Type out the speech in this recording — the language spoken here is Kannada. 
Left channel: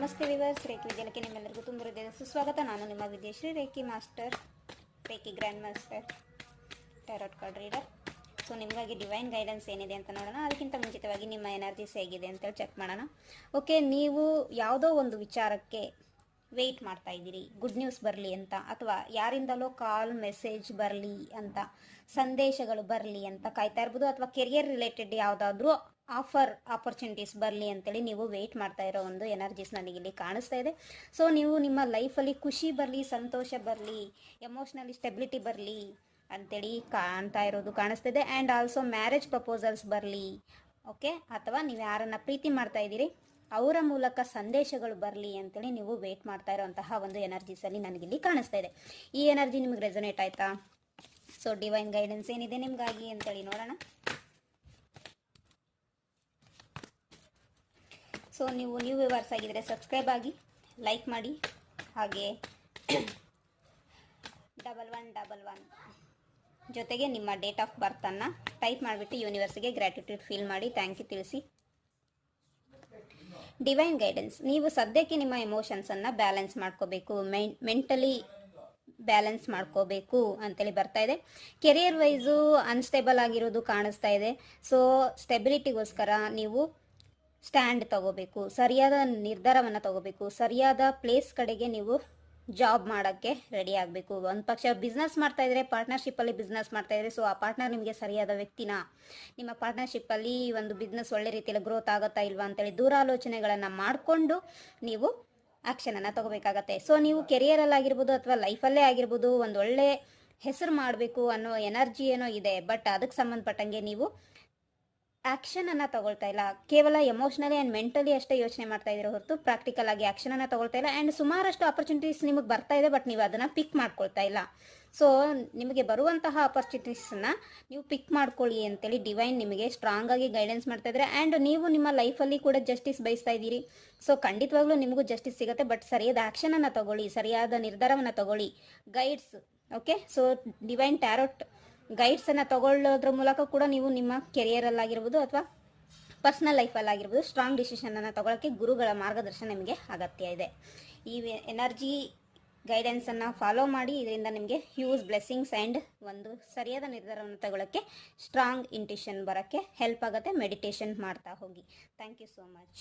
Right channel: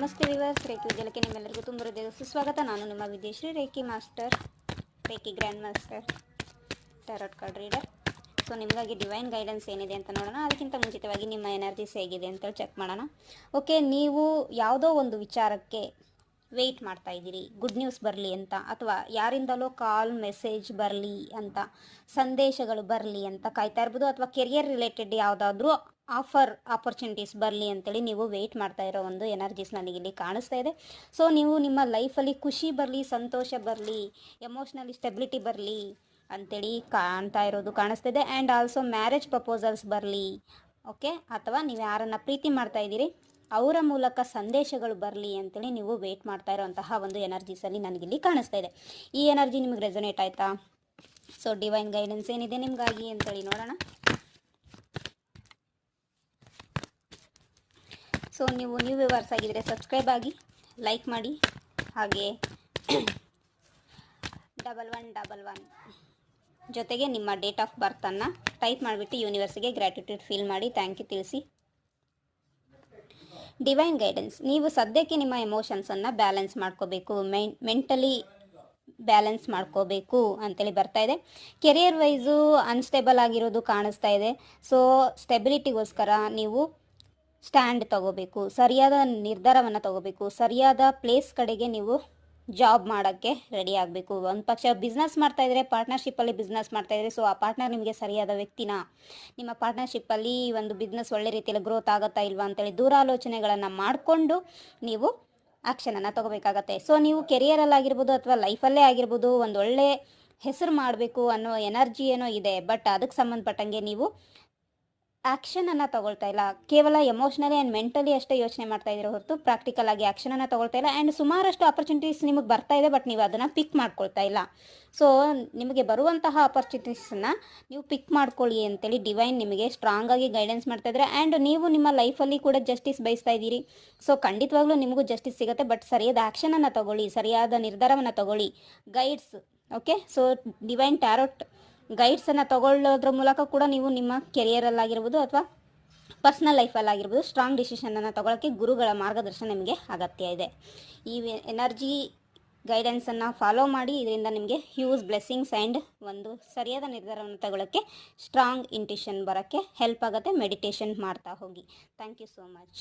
ನಮಸ್ತೆ ವಿವರ್ಸ್, ರೇಖಿ ವಿದ್ಯಾಲಯಕ್ಕೆ ನಿಮ್ಮೆಲ್ಲರಿಗೂ ತುಂಬ ಹೃದಯದ ಸುಸ್ವಾಗತ. ನಾನು ನಿಮ್ಮ Vidyashree, reiki master, reiki grand master, tarot card reader. So ನಿಮಗಾಗಿ ಡಿವೈನ್ ಗೈಡೆನ್ಸ್ ಏನಿದೆ ಅಂತ ನೋಡೋಣ. ಅದಕ್ಕಿಂತ ಮುಂಚಿತವಾಗಿ ನಿಮ್ಮ ಎನರ್ಜೀಸ್ ಹೇಗಿದೆ ಅಂತೇಳಿ ಚೆಕ್ ಮಾಡೋಣ. ಓಕೆ, ನೀವು ಯಾವುದೋ ಒಂದು ವಿಚಾರಕ್ಕೆ ವೆಯ್ಟ್ ಮಾಡ್ತಾ ಇದ್ದೀರಿ, ಗುಡ್ ನ್ಯೂಸ್ ಬರಲಿ ಅಂತ, ಅಥವಾ ಯಾರಿಂದಲೋ ಕಾಲ್ ಮೆಸೇಜ್ ಬರಲಿ ಅಂತ, ಸಂದೇಶಗಳು ಬರಲಿ ಅಂತ ಕಾಯ್ತಾ ಇರ್ಬೋದು, ಅಥವಾ ಕೆರಿಯರ್ ರಿಲೇಟೆಡ್ ಯಾವುದಾದ್ರೂ ಆಪರ್ಚುನಿಟೀಸ್ ಬರಲಿ ಅಂತೇಳಿ ನೀವು ವೆಯ್ಟ್ ಮಾಡ್ತಾ ಇರೋ ಒಂದು ಎನರ್ಜೀಸ್ ನನಗಿಲ್ಲಿ ಕಾಣಿಸ್ತಾ ಇದೆ. ಸೊ ನೀವು ನಿಮ್ಮ ಲೈಫಲ್ಲಿ ಖುಷಿ ಬರಲಿ, ಸಂತೋಷ ಬರಲಿ, ಎಮೋಷ್ನಲಿ ಸ್ಟೆಬಿಲಿಟಿ ಬರಲಿ ಅಂತೇಳಿ ಕಾಣ್ತಾ ಇರೋದು ಕಾಣಿಸ್ತಿದೆ. ಆ್ಯಂಡ್ ಆಲ್ಸೋ ಮ್ಯಾರೇಜ್ ಪ್ರಪೋಸಲ್ಸ್ ಬರಲಿ, ಓಕೆ, ಅಥವಾ ನೀವು ಯಾರನ್ನು ಪ್ರೀತಿ ಮಾಡ್ತಾ ಇದ್ದೀರಿ ಅವರ ಮೂಲಕ ಸಂದೇಶಗಳು ಬರಲಿ ಅಂತೇಳಿ ನೀವು ವೆಯ್ಟ್ ಮಾಡ್ತಾ ಇರೋಂತಹ ಒಂದು ಎನರ್ಜೀಸಲ್ಲಿ ನನಗಿಲ್ಲಿ ಕಾಣಿಸ್ತಾ ಇದೆ. ಈ ಎನರ್ಜಿ ನಿಮಗೆ ರೆಸೊನೇಟ್ ಆಯಿತಾ? ಸೊ ಡಿವೈನ್ ಗೈಡೆನ್ಸ್ ಏನಿದೆ ನಿಮಗಾಗಿ ಅಂತೇಳಿ ನೋಡೋಣ. ಸೊ ನೀವು ನ್ಯೂ ವ್ಯೂವರ್ಸ್ ಆಗಿದ್ದರೆ ಸಬ್ಸ್ಕ್ರೈಬ್ ಆಗಿ, ಲೈಕ್ ಮಾಡಿ, ಹಾಗೆ 1111 ಜೊತೆಗೆ ನಿಮ್ಮ ಡೇಟ್ ಆಫ್ ಬರ್ತನ್ನು ಟೈಪ್ ಮಾಡಿಬಿಟ್ಟು ಯೂನಿವರ್ಸಿಗೆ ಗ್ರ್ಯಾಟಿಟ್ಯೂಡ್ ಫೀಲ್ ಮಾಡಿ ಥ್ಯಾಂಕ್ ಯು ತಿಳಿಸಿ. ಡಿವೈನ್ ಗೈಡೆನ್ಸ್, ನೀವು ಸದ್ಯಕ್ಕೆ ನಿಮ್ಮ ಎಮೋಷನ್ಸನ್ನು ಬ್ಯಾಲೆನ್ಸ್ ಮಾಡ್ಕೋಬೇಕು, ಮೆಂಟಲಿ ಬ್ಯಾಲೆನ್ಸ್ ಮಾಡ್ಕೋಬೇಕು ಅಂತೇಳಿ ಬರ್ತಾ ಇದೆ. ಕೆರಿಯರ್ ವೈಸು ಅನ್ಸ್ಟೇಬಲ್ ಆಗಿರೋದು ಕಾಣಿಸ್ತಾ ಇದೆ. ಸೊ ಸ್ಟೆಬಿಲಿಟಿಗೋಸ್ಕರ ನೀವು ಸ್ಟ್ಯಾಂಡ್ ತಗೋಬೇಕು, ಸರಿಯಾದ ನಿರ್ಧಾರವನ್ನು ತಗೋಬೇಕು, ಸರಿಯಾದ ಪ್ಲೇಸ್ ಕಡೆಗೆ ನೀವು ಜಾಬ್ ಮಾಡೋಕ್ಕೆ ರೆಡಿ ಆಗಬೇಕು. ಒಂದು ಪಕ್ಷ ಬಿಸ್ನೆಸ್ ಮಾಡ್ತಾಯಿದ್ರೆ, ಪಾರ್ಟ್ನರ್ಶಿಪ್ಪಲ್ಲಿ ಬಿಸ್ನೆಸ್ ಮಾಡ್ತಾಯಿದ್ರೆ, ಸೊ ಆ ಪಾರ್ಟ್ನರ್ ನಿಮಗೆ ಸರಿಯಾದ ವ್ಯಕ್ತಿನ, ನಿಮ್ಮ ಪಾರ್ಟ್ನರ್ಶಿಪ್ಪಲ್ಲಿ ಒಂದು ಬಿಸ್ನೆಸ್ ಒಳ್ಳೆ ರೀತಿಯಲ್ಲಿ ಗ್ರೋತ್ ಆಗುತ್ತಾ ಇಲ್ವಾ ಅಂತೇಳಿ ದೂರಾಲೋಚನೆಗಳನ್ನು ಮಾಡಿಕೊಂಡು ನೀವು ಆ್ಯಕ್ಷನನ್ನು ತಗೋಬೇಕಾಗತ್ತೆ. ಸೊ ನೀವು ಕೆರಿಯರಲ್ಲಾಗಿರ್ಬೋದು ಅಥವಾ ಲೈಫಲ್ಲೇ ಆಗಿರ್ಬೋದು, ಒಂದು ಒಳ್ಳೆ ಹೆಸರು ಮಾಡಬೇಕು ಅನ್ನೋ ಎನರ್ಜಿ ಏನೋ ಇದೆ, ಬಟ್ ಅದಕ್ಕೆ ಸಂಬಂಧಪಟ್ಟಂಗೆ ನೀವು ಆ್ಯಕ್ಷನನ್ನು ತಗೊಳ್ತಾ ಇಲ್ಲ. ಕೇವಲ ಎಮೋಷ್ನಲಿ ಆ್ಯಂಡ್ ಮೆಂಟಲಿ ಅಷ್ಟೇ ಯೋಚನೆ ಮಾಡ್ತಾ ಇದ್ದೀರೋ ಹೊರತು ಪ್ರಾಕ್ಟಿಕಲ್ ಆಗಿ ಆ್ಯಕ್ಷನನ್ನು ತಗೊಳ್ತಾ ಇಲ್ಲ. ಆ್ಯಂಡ್ ಸುಮಾರಷ್ಟು ಆಪರ್ಚುನಿಟೀಸ್ ನಿಮಗೆ ಬರ್ತಾ ಇದೆ, ಬಟ್ ನೀವು ಅದನ್ನು ಪಿಕ್ ಮಾಡ್ಕೊಳ್ತಾ ಇಲ್ಲ. ಸೊ ನಿಮಗೆ ಬರುವಂತಹ ಆಪರ್ಚುನಿಟೀಸನ್ನು ನೀವು ಪಿಕ್ ಮಾಡ್ಕೊಳ್ಳಿ ಅಂತೇಳಿ ಡಿವೈನ್ ನಿಮಗೆ ಸ್ಟ್ರಾಂಗ್ ಆಗಿ ಗೈಡೆನ್ಸ್ ಮಾಡ್ತಾ ಇದ್ದಾರೆ. ಆ್ಯಂಡ್ ನೀವು ನಿಮ್ಮ ಲೈಫಲ್ಲಿ ಕೂಡ ಜಸ್ಟಿಸ್ ಬಯಸ್ತಾ ಇದ್ದೀರಿ. ಸೊ ಖಂಡಿತವಾಗ್ಲೂ ನಿಮಗೂ ಜಸ್ಟಿಸ್ ಸಿಗುತ್ತೆ, ಬಟ್ ಸರಿಯಾದ ಆ್ಯಕ್ಷನನ್ನು ತಗೊಳ್ಳಿ, ಸರಿಯಾದ ನಿರ್ಧಾರವನ್ನು ತಗೊಳ್ಳಿ. Guides, okay, so divine tarot ಗೈಡ್ಸನ್ನು ತಗೊಳ್ಳೋದ್ರ ಮೂಲಕ ಕೂಡ ನೀವು ನಿಮ್ಮ ಕೆರಿಯರಲ್ಲಾಗಿರ್ಬೋದು ಅಥವಾ ಪರ್ಸ್ನಲ್ ಲೈಫಲ್ಲಾಗಿರ್ಬೋದು ಸ್ಟ್ರಾಂಗ್ ಡಿಸಿಷನನ್ನು ತಗೊಳ್ಳೋಕ್ಕೆ ಗುರುಗಳ ಮಾರ್ಗದರ್ಶನ ನಿಮಗೆ ಅಗತ್ಯ ಇದೆ. ಈ ಎನರ್ಜಿ ಗೈಡೆನ್ಸನ್ನು ಫಾಲೋ ಮಾಡಿ, ಇದರಿಂದ ನಿಮಗೆ ಹ್ಯೂಜ್ ಬ್ಲೆಸ್ಸಿಂಗ್ಸ್ ಆ್ಯಂಡ್ ಒಂದು ಸರಿಯಾದ ನಿರ್ಧಾರವನ್ನು ತಗೊಳ್ಳೋಕ್ಕೆ ಸ್ಟ್ರಾಂಗ್ ಇಂಟ್ಯೂಷನ್ ಬರೋಕ್ಕೆ ಹೆಲ್ಪ್ ಆಗುತ್ತೆ. ಮೆಡಿಟೇಷನ್ ಮಾಡ್ತಾ ಹೋಗಿ. Thank you so much.